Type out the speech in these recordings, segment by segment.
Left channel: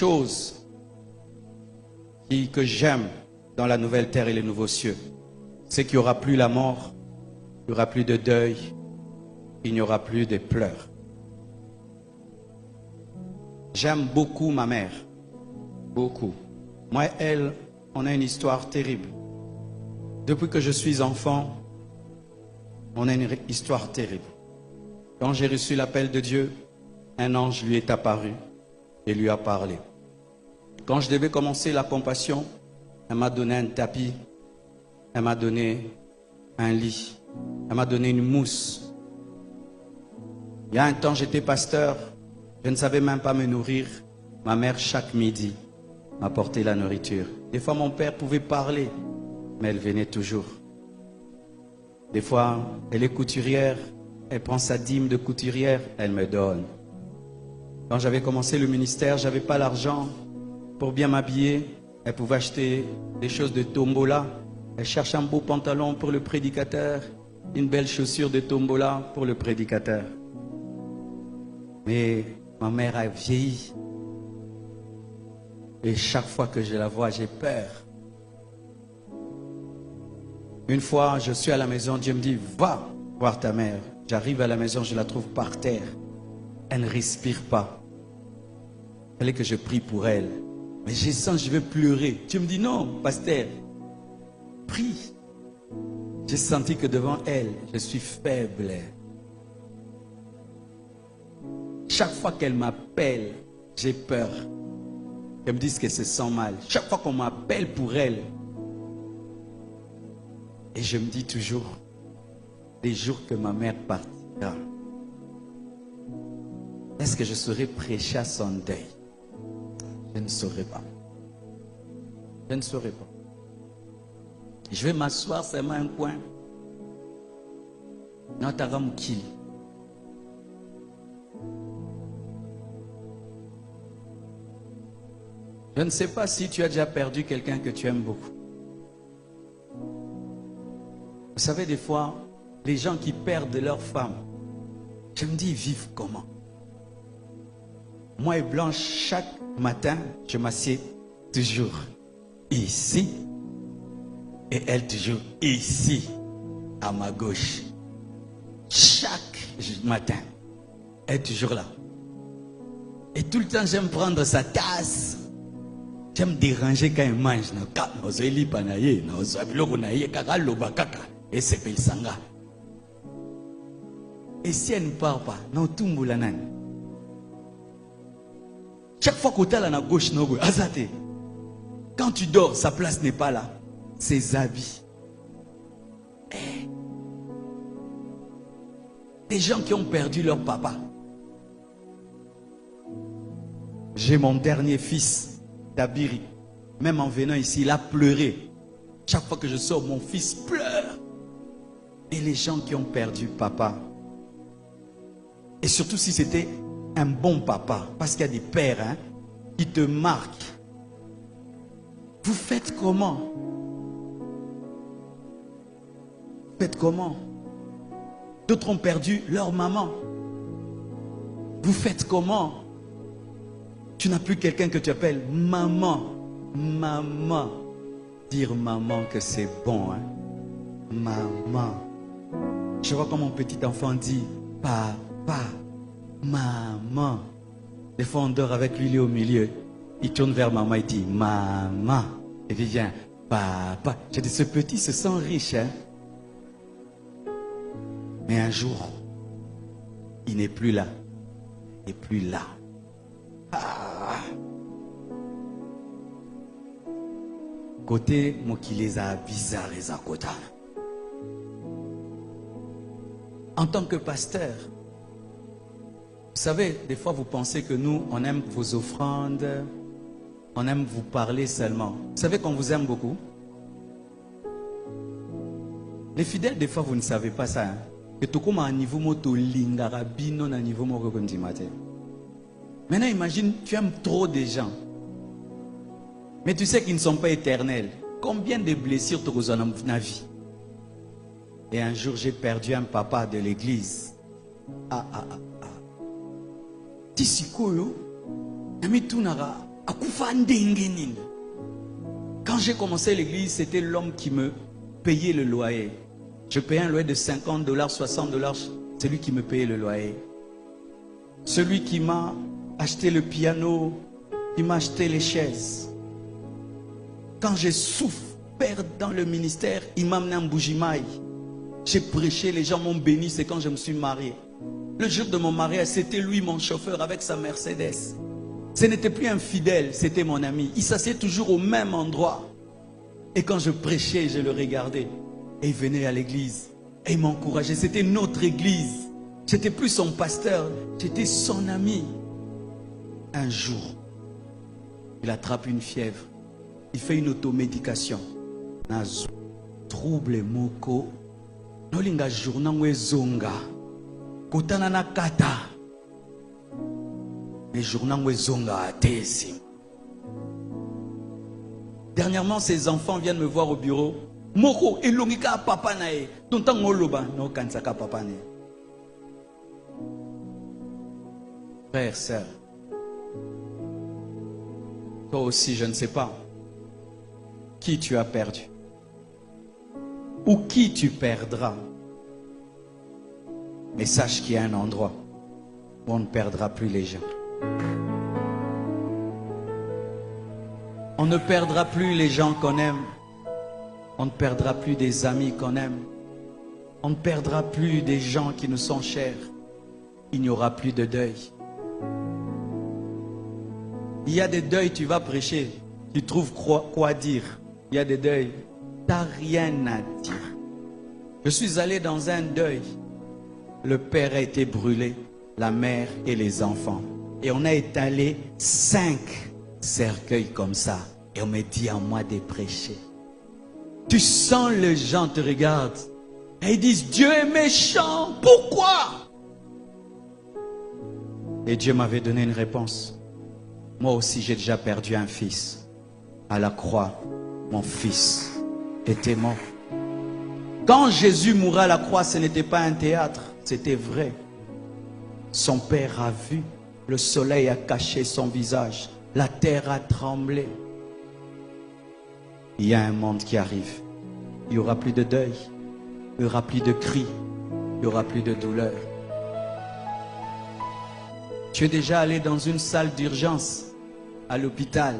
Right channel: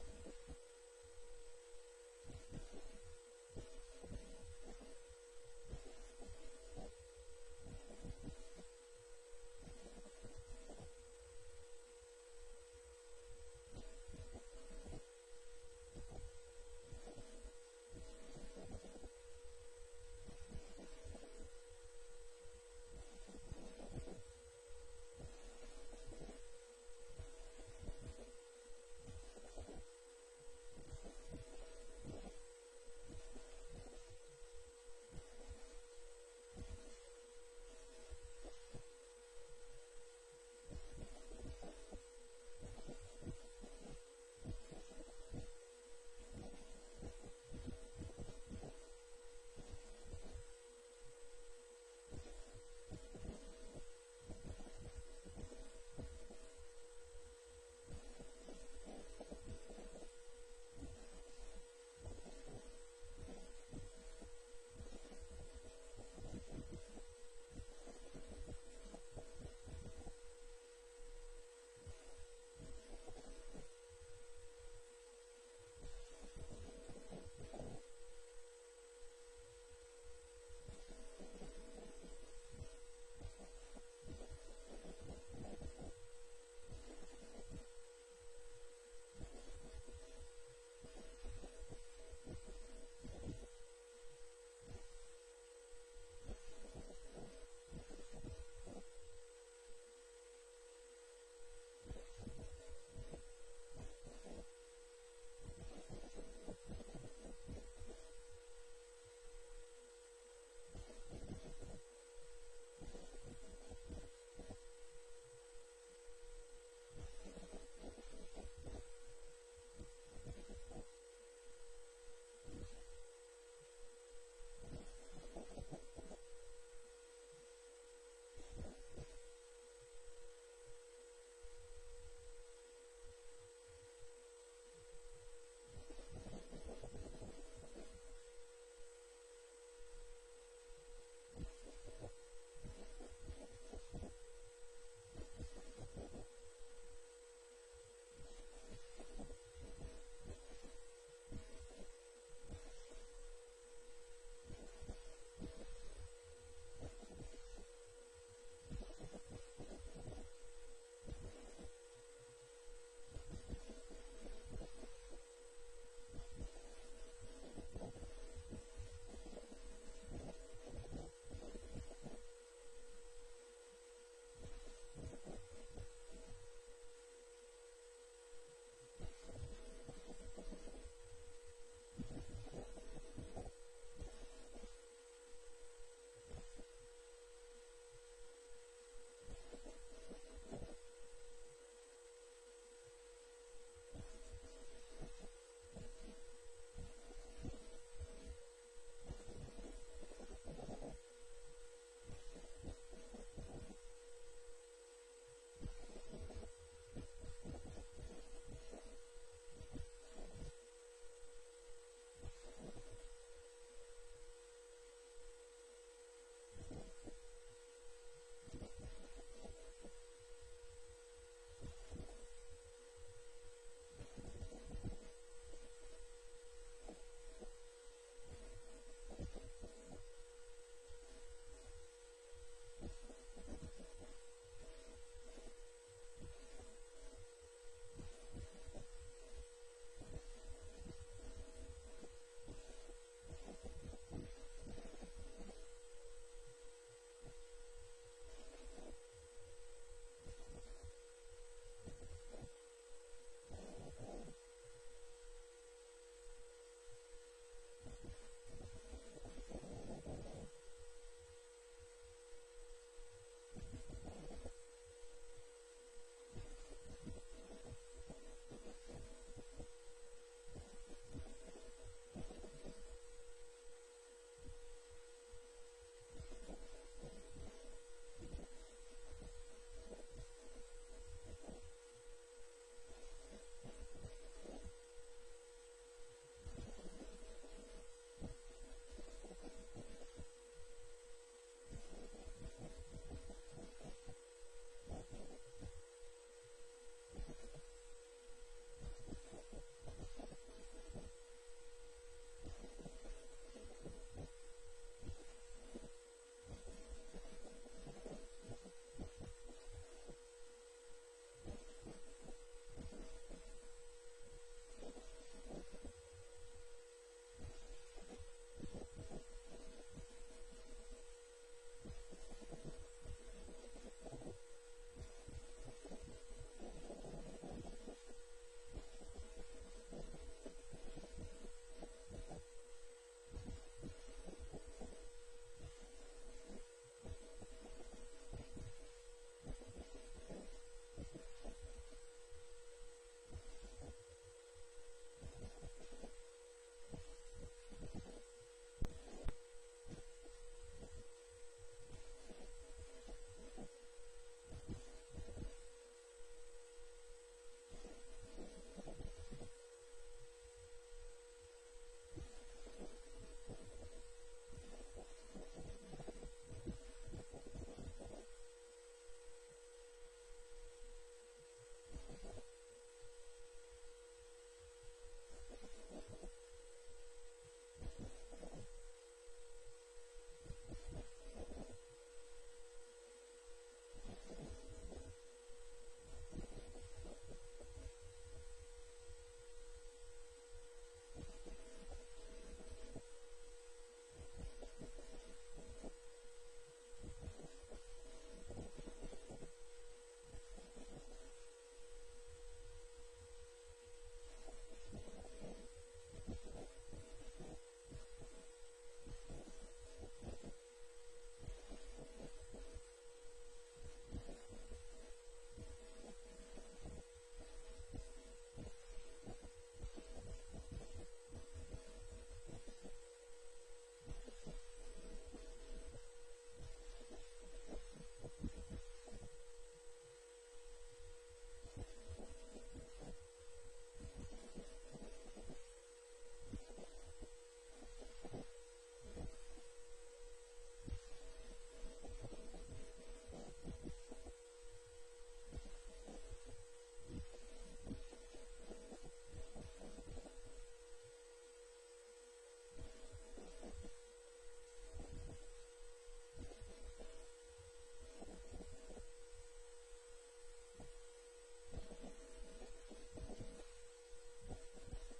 choses que j'aime dans la nouvelle terre et les nouveaux cieux, c'est qu'il n'y aura plus la mort, il n'y aura plus de deuil, il n'y aura plus de pleurs. J'aime beaucoup ma mère, beaucoup. Moi et elle, on a une histoire terrible. Depuis que je suis enfant, on a une histoire terrible. Quand j'ai reçu l'appel de Dieu, un ange lui est apparu et lui a parlé. Quand je devais commencer la compassion, elle m'a donné un tapis, elle m'a donné un lit, elle m'a donné une mousse. Il y a un temps, j'étais pasteur, je ne savais même pas me nourrir. Ma mère, chaque midi, m'apportait la nourriture. Des fois, mon père pouvait parler, mais elle venait toujours. Des fois, elle est couturière, elle prend sa dîme de couturière, elle me donne. Quand j'avais commencé le ministère, je n'avais pas l'argent pour bien m'habiller. Elle pouvait acheter des choses de tombola. Elle cherche un beau pantalon pour le prédicateur, une belle chaussure de tombola pour le prédicateur. Mais ma mère a vieilli. Et chaque fois que je la vois, j'ai peur. Une fois, je suis à la maison, Dieu me dit, va voir ta mère. J'arrive à la maison, je la trouve par terre. Elle ne respire pas. Il fallait que je prie pour elle. Mais je sens, je vais pleurer. Dieu me dit, non, pasteur, prie. J'ai senti que devant elle, je suis faible. Chaque fois qu'elle m'appelle, j'ai peur. Elle me dit qu'elle se sent mal. Chaque fois qu'on m'appelle pour elle, et je me dis toujours, les jours que ma mère partira, est-ce que je saurais prêcher à son deuil? Je ne saurais pas. Je ne saurais pas. Je vais m'asseoir seulement un coin. Nataramukili. Je ne sais pas si tu as déjà perdu quelqu'un que tu aimes beaucoup. Vous savez, des fois, les gens qui perdent leur femme, je me dis, ils vivent comment? Moi et Blanche, chaque matin, je m'assieds toujours ici et elle toujours ici, à ma gauche. Chaque matin, elle est toujours là. Et tout le temps, j'aime prendre sa tasse. J'aime déranger quand elle mange. Et si elle ne part pas, chaque fois que tu es à la gauche, quand tu dors, sa place n'est pas là. Ses habits. Des gens qui ont perdu leur papa. J'ai mon dernier fils, Dabiri. Même en venant ici, il a pleuré. Chaque fois que je sors, mon fils pleure. Et les gens qui ont perdu papa. Et surtout si c'était un bon papa. Parce qu'il y a des pères qui te marquent. Vous faites comment? Vous faites comment? D'autres ont perdu leur maman. Vous faites comment? Tu n'as plus quelqu'un que tu appelles maman. Maman. Dire maman que c'est bon. Maman. Je vois comme mon petit enfant dit papa, maman. Des fois on dort avec lui, il est au milieu. Il tourne vers maman, il dit maman. Et il vient papa. J'ai dit ce petit se sent riche. Mais un jour, il n'est plus là. Il n'est plus là. Côté Mokileza bizarre les akota. En tant que pasteur, vous savez, des fois vous pensez que nous, on aime vos offrandes, on aime vous parler seulement. Vous savez qu'on vous aime beaucoup. Les fidèles, des fois, vous ne savez pas ça. Que tout comme un niveau moto lingarabino na niveau moko kondimate. Maintenant, imagine, tu aimes trop des gens. Mais tu sais qu'ils ne sont pas éternels. Combien de blessures tu as dans ta vie? Et un jour, j'ai perdu un papa de l'église. Tisikoyo, nami tunara Quand j'ai commencé l'église, c'était l'homme qui me payait le loyer. Je payais un loyer de $50, $60. C'est lui qui me payait le loyer. Celui qui m'a acheté le piano, qui m'a acheté les chaises. Quand j'ai souffert dans le ministère, il m'a amené en Bougimaï. J'ai prêché, les gens m'ont béni, c'est quand je me suis marié. Le jour de mon mariage, c'était lui mon chauffeur avec sa Mercedes. Ce n'était plus un fidèle, c'était mon ami. Il s'asseyait toujours au même endroit. Et quand je prêchais, je le regardais. Et il venait à l'église. Et il m'encourageait. C'était notre église. J'étais plus son pasteur, j'étais son ami. Un jour, il attrape une fièvre. Il fait une automédication. Trouble moko. Nolinga journa zonga. Kotana na kata. Mais journa zonga atesi. Dernièrement, ses enfants viennent me voir au bureau. Moko elongika papa nae. Tonta ngoloba no kansaka papa nae. Frère, sœur, toi aussi, je ne sais pas qui tu as perdu ou qui tu perdras. Mais sache qu'il y a un endroit où on ne perdra plus les gens. On ne perdra plus les gens qu'on aime. On ne perdra plus des amis qu'on aime. On ne perdra plus des gens qui nous sont chers. Il n'y aura plus de deuil. Il y a des deuils, tu vas prêcher, tu trouves quoi dire. Il y a des deuils, tu n'as rien à dire. Je suis allé dans un deuil. Le père a été brûlé, la mère et les enfants. Et on a étalé 5 cercueils comme ça. Et on me dit à moi de prêcher. Tu sens les gens te regardent. Et ils disent, Dieu est méchant, pourquoi? Et Dieu m'avait donné une réponse. Moi aussi, j'ai déjà perdu un fils. À la croix, mon fils était mort. Quand Jésus mourait à la croix, ce n'était pas un théâtre, c'était vrai. Son père a vu, le soleil a caché son visage, la terre a tremblé. Il y a un monde qui arrive. Il n'y aura plus de deuil, il n'y aura plus de cris, il n'y aura plus de douleur. Tu es déjà allé dans une salle d'urgence à l'hôpital.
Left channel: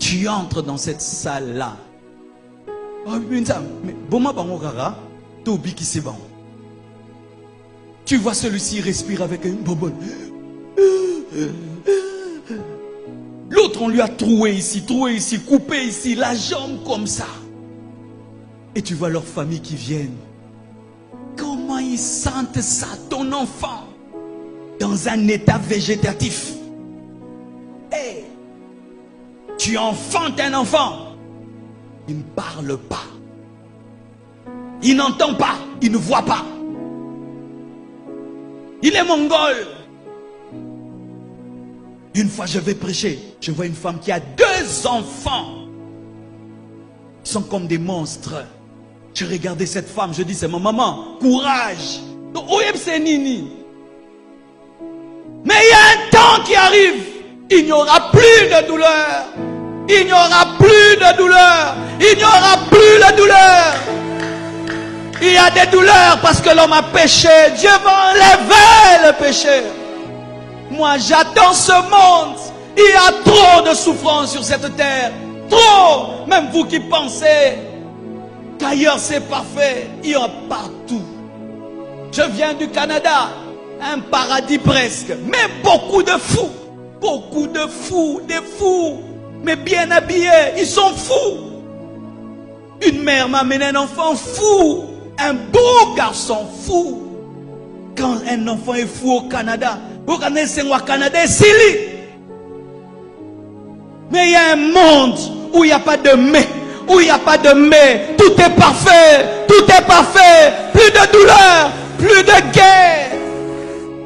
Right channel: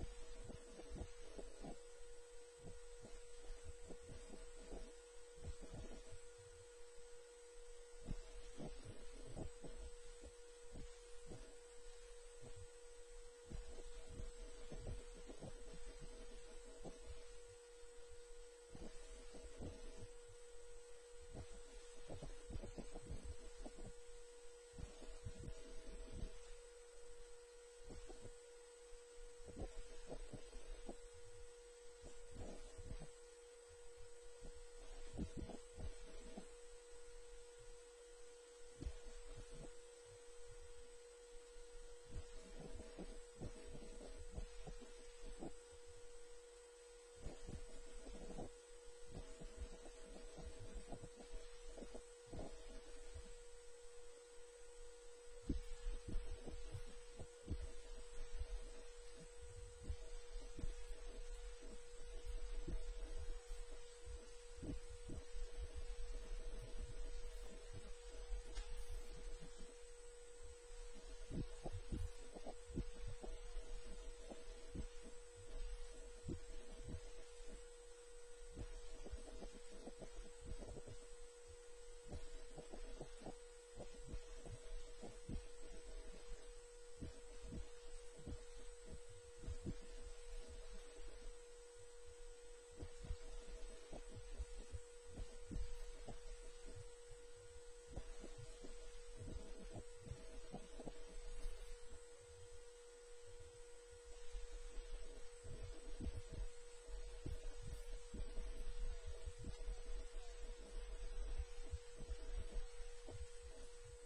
Tu entres dans cette salle-là. Tu vois celui-ci respirer avec une bonbonne. L'autre, on lui a troué ici, coupé ici, la jambe comme ça. Et tu vois leur famille qui viennent. Comment ils sentent ça, ton enfant, dans un état végétatif? Hey, tu enfantes un enfant. Il ne parle pas. Il n'entend pas. Il ne voit pas. Il est mongol. Une fois je vais prêcher, je vois une femme qui a 2 enfants. Ils sont comme des monstres. Je regardais cette femme, je dis, c'est ma maman, courage. Mais il y a un temps qui arrive, il n'y aura plus de douleur. Il n'y aura plus de douleur. Il n'y aura plus de douleur. Il y a des douleurs parce que l'homme a péché. Dieu va enlever le péché. Moi, j'attends ce monde. Il y a trop de souffrance sur cette terre. Trop. Même vous qui pensez qu'ailleurs c'est parfait, il y en a partout. Je viens du Canada, un paradis presque, mais beaucoup de fous. Beaucoup de fous, des fous, mais bien habillés, ils sont fous. Une mère m'a amené un enfant fou, un beau garçon fou. Quand un enfant est fou au Canada, au Canada, c'est mais il y a un monde où il n'y a pas de mais, où il n'y a pas de mais. Tout est parfait, tout est parfait. Plus de douleur, plus de guerre,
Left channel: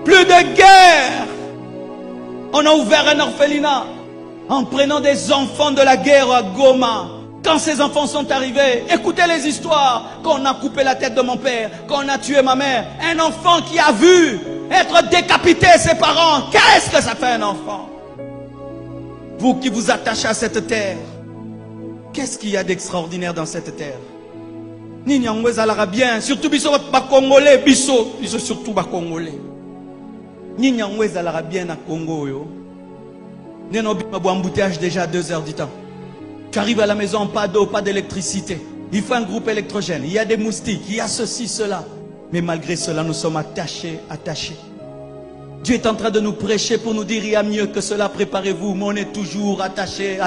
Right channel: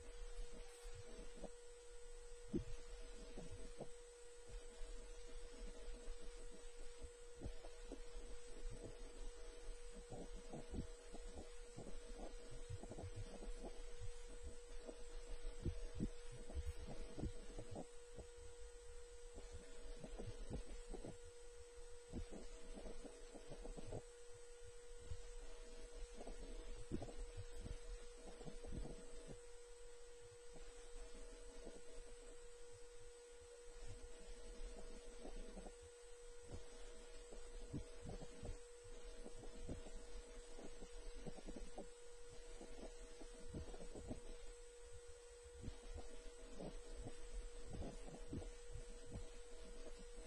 plus de guerre. On a ouvert un orphelinat en prenant des enfants de la guerre à Goma. Quand ces enfants sont arrivés, écoutez les histoires. Quand on a coupé la tête de mon père, quand on a tué ma mère, un enfant qui a vu Être décapité, ses parents, qu'est-ce que ça fait un enfant? Vous qui vous attachez à cette terre, qu'est-ce qu'il y a d'extraordinaire dans cette terre? Nini angweza bien, surtout biso ba Congolais, biso surtout ba Congolais. Nini angweza bien à Congo yo. Neno bima bo embouteillage déjà à 2 heures du temps. Tu arrives à la maison, pas d'eau, pas d'électricité. Il faut un groupe électrogène, il y a des moustiques, il y a ceci, cela. Mais malgré cela, nous sommes attachés. Dieu est en train de nous prêcher pour nous dire il y a mieux que cela, préparez-vous. Mais on est toujours attachés.